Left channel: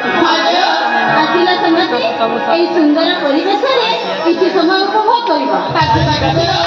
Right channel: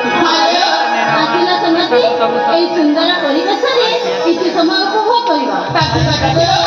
ଆସିଲା ସମତି ଏଇ ସୁନ୍ଦର ପରିବେଶରେ କିଛି ସମୟ ଉପଭୋଗ କରିବ। ତାକୁ କାଟିଦେବ।